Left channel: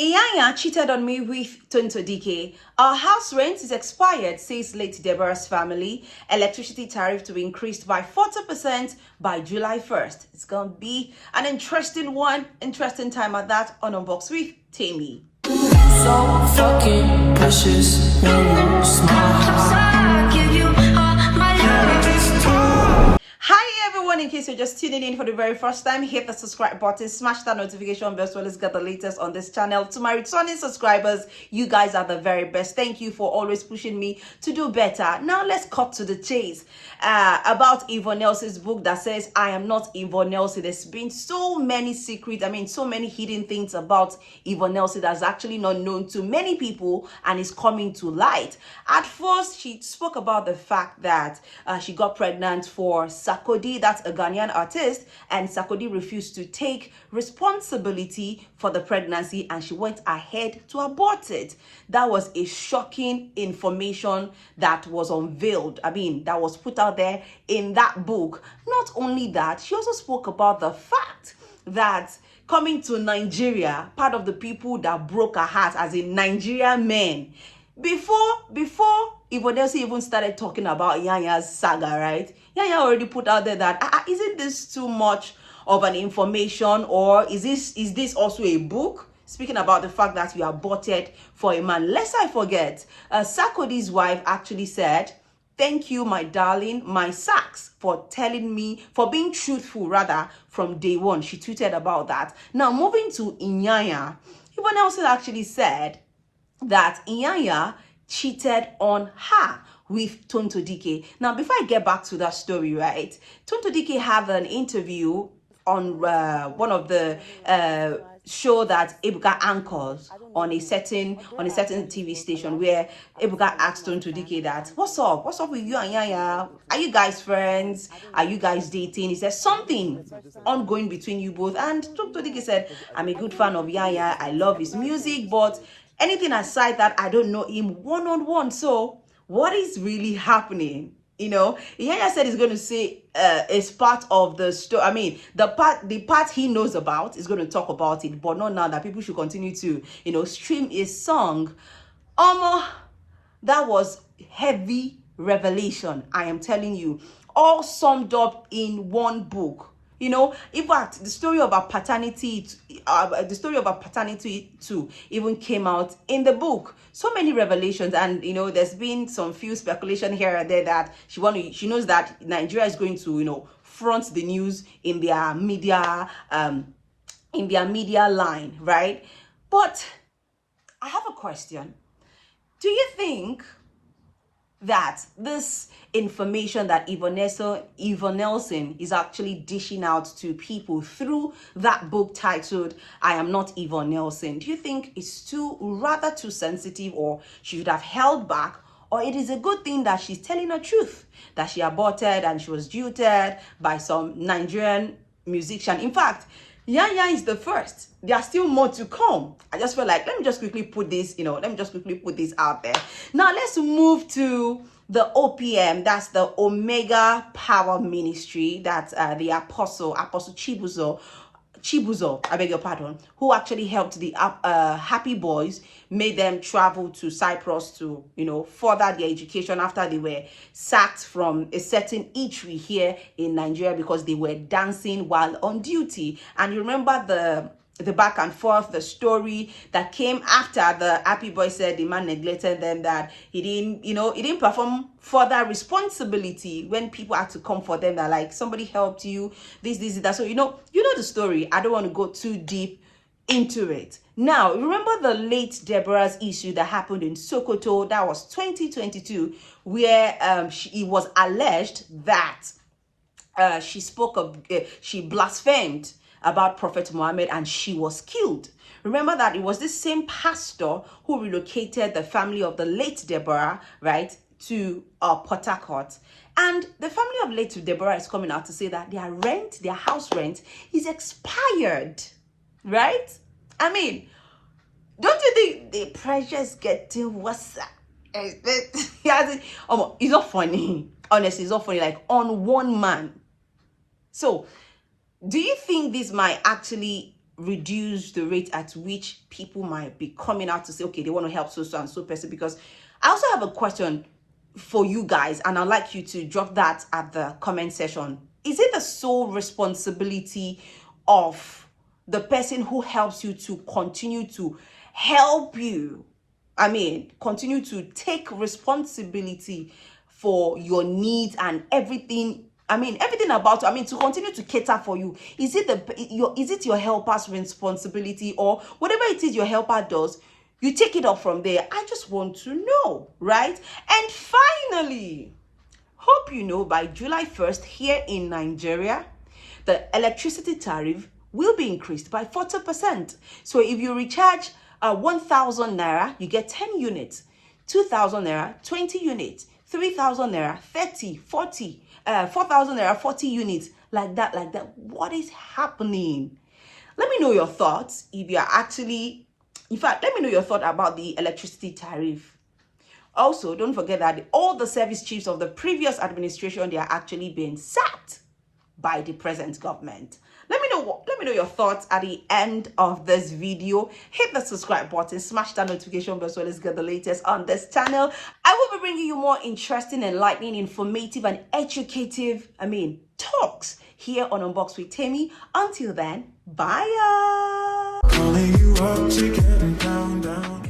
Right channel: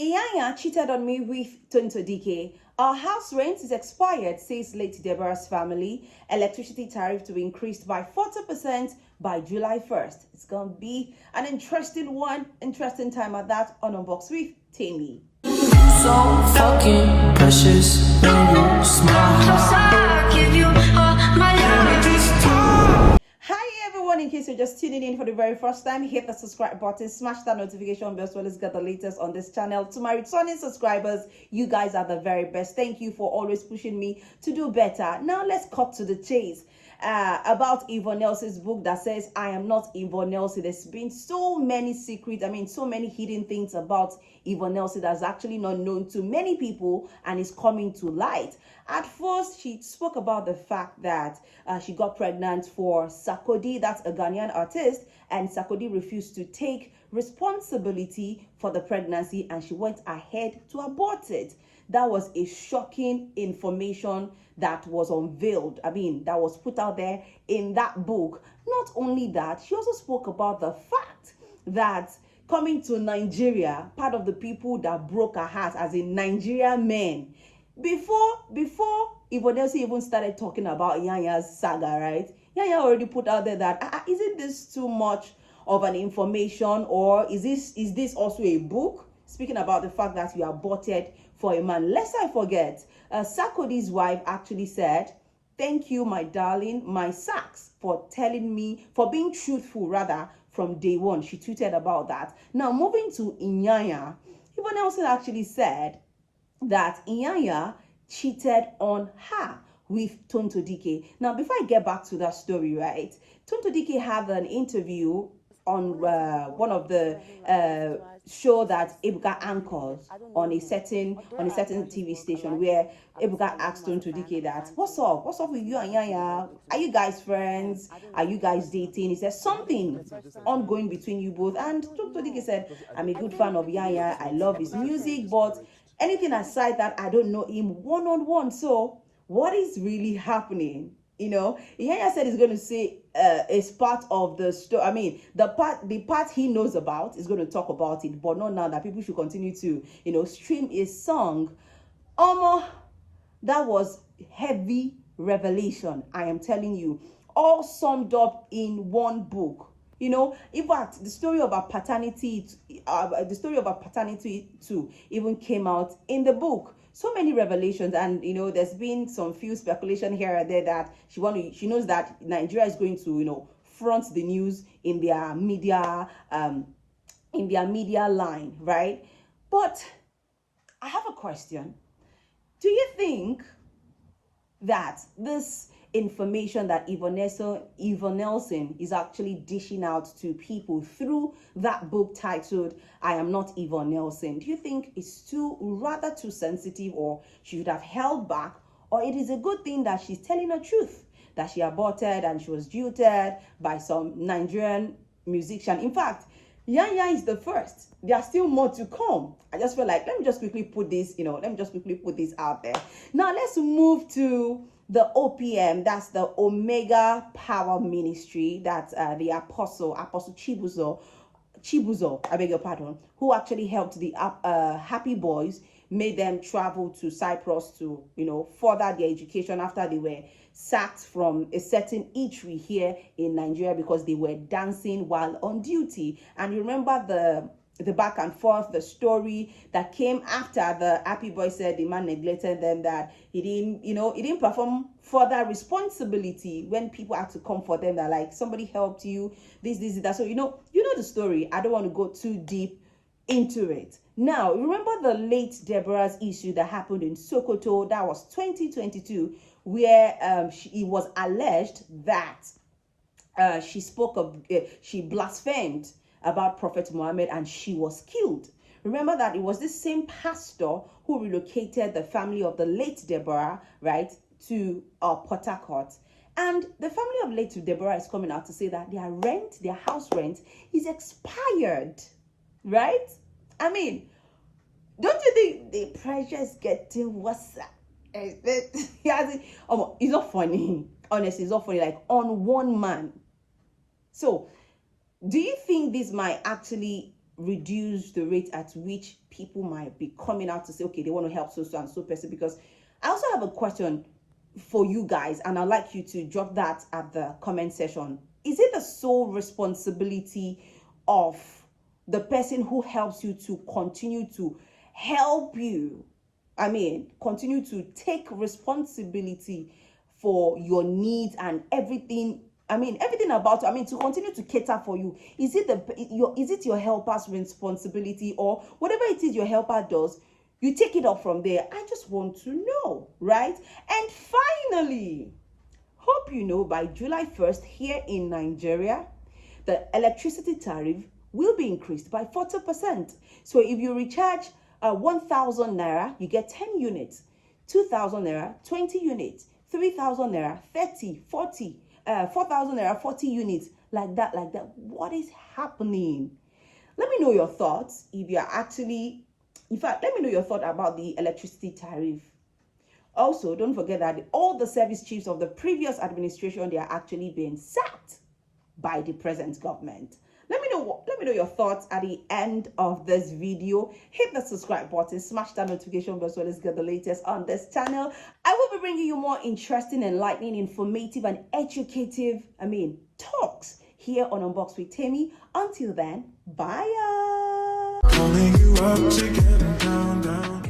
Iyanya cheated on me with Tonto Dike. Our house rent is expired, says late Deborah's family. Electricity tariff to be increased by 40% by July 1st. It's going to be an interesting one, interesting time at that on Unbox with Tammy. So fucking precious when you smile. I give you all my love. Hi everyone, in case you're just tuning in for the very first time, hit the subscribe button, smash that notification bell so let's get the latest on this channel. To my returning subscribers, you guys are the very best. Thank you for always pushing me to do better. Now let's cut to the chase. About Yvonne Nelson's book that says I am not Yvonne Nelson. There's been so many secrets, so many hidden things about Yvonne Nelson that's actually not known to many people and is coming to light. At first, she spoke about the fact that she got pregnant for Sarkodie, that's a Ghanian artist, and Sarkodie refused to take responsibility for the pregnancy and she went ahead to abort it. That was a shocking information that was unveiled, that was put out there in that book. Not only that, she also spoke about the fact that coming to Nigeria, part of the people that broke her heart as in Nigerian men, before Yvonne Nelson even started talking about Iyanya's saga, right? Iyanya already put out there that isn't this too much of an information, or is this also a book speaking about the fact that you are aborted for a man? Lest I forget, Sarkodie's wife actually said, "Thank you, my darling, my Saks, for being truthful rather from day one." She tweeted about that. Now moving to Iyanya, Yvonne Nelson actually said that Iyanya cheated on her with Tonto Dike. Now, before I get back to that story, right, Tonto Dike had an interview on one of the show that Ebuka anchors on a certain TV station, where Ebuka asked Tonto Dike that, what's up with you and Iyanya? Are you guys friends? Are you guys dating? Is there something ongoing between you both? And Tonto Dike said, I'm a good fan of Iyanya, I love his music, but anything aside that, I don't know him one-on-one. So what is really happening? Iyanya said he's going to say it's part of the story. The part he knows about is going to talk about it, but not now that people should continue to, stream his song. That was heavy revelation. I am telling you, all summed up in one book. In fact, the story of our paternity too even came out in the book. So many revelations, and there's been some few speculation here and there that she knows that Nigeria is going to front the news in their media line, right? But I have a question. Do you think that this information that Yvonne Nelson is actually dishing out to people through that book titled I Am Not Yvonne Nelson, do you think it's rather too sensitive, or she should have held back, or it is a good thing that she's telling the truth, that she aborted and she was jilted by some Nigerian musician? In fact, Iyanya is the first. There are still more to come. I just feel like, let me just quickly put this out there. Now let's move to the OPM, that's the Omega Power Ministry, that's the Apostle Chibuzo, I beg your pardon, who actually helped the Happy Boys, made them travel to Cyprus to, further their education after they were sacked from a certain eatery here in Nigeria because they were dancing while on duty. And you remember the back and forth, the story that came after the Happy Boy said the man neglected them, that he didn't perform further responsibility when people had to come for them, that like somebody helped you, this, that. So you know the story. I don't want to go too deep into it. Now, remember the late Deborah's issue that happened in Sokoto? That was 2022, where it was alleged that she blasphemed about Prophet Muhammad and she was killed. Remember that it was this same pastor who relocated the family of the late Deborah, right, to Port Harcourt. And the family of late Deborah is coming out to say that their house rent is expired, right? Don't you think the pressure is getting worse? It's not funny. Honestly, it's not funny. Like, on one man. So, do you think this might actually reduce the rate at which people might be coming out to say, okay, they want to help so and so person. Because I also have a question for you guys, and I'd like you to drop that at the comment section. Is it the sole responsibility of the person who helps you to continue to help you? I mean, continue to take responsibility for your needs and everything. I mean, everything about, I mean, to continue to cater for you. Is it your helper's responsibility, or whatever it is your helper does, you take it up from there? I just want to know, right? And finally, hope you know, by July 1st here in Nigeria, the electricity tariff will be increased by 40%. So if you recharge 1,000 naira, you get 10 units. 2,000 naira, 20 units. 3,000 naira, 30, 40. 4,000 naira, 40 units. Like that. What is happening? Let me know your thoughts. If you're actually, in fact, let me know your thought about the electricity tariff. Also, don't forget that all the service chiefs of the previous administration, they are actually being sacked by the present government. Let me know your thoughts at the end of this video. Hit the subscribe button, smash that notification bell so let's get the latest on this channel. I will be bringing you more interesting, enlightening, informative, and educative, talks here on Unbox with Temi. Until then, bye. Calling you up to get down.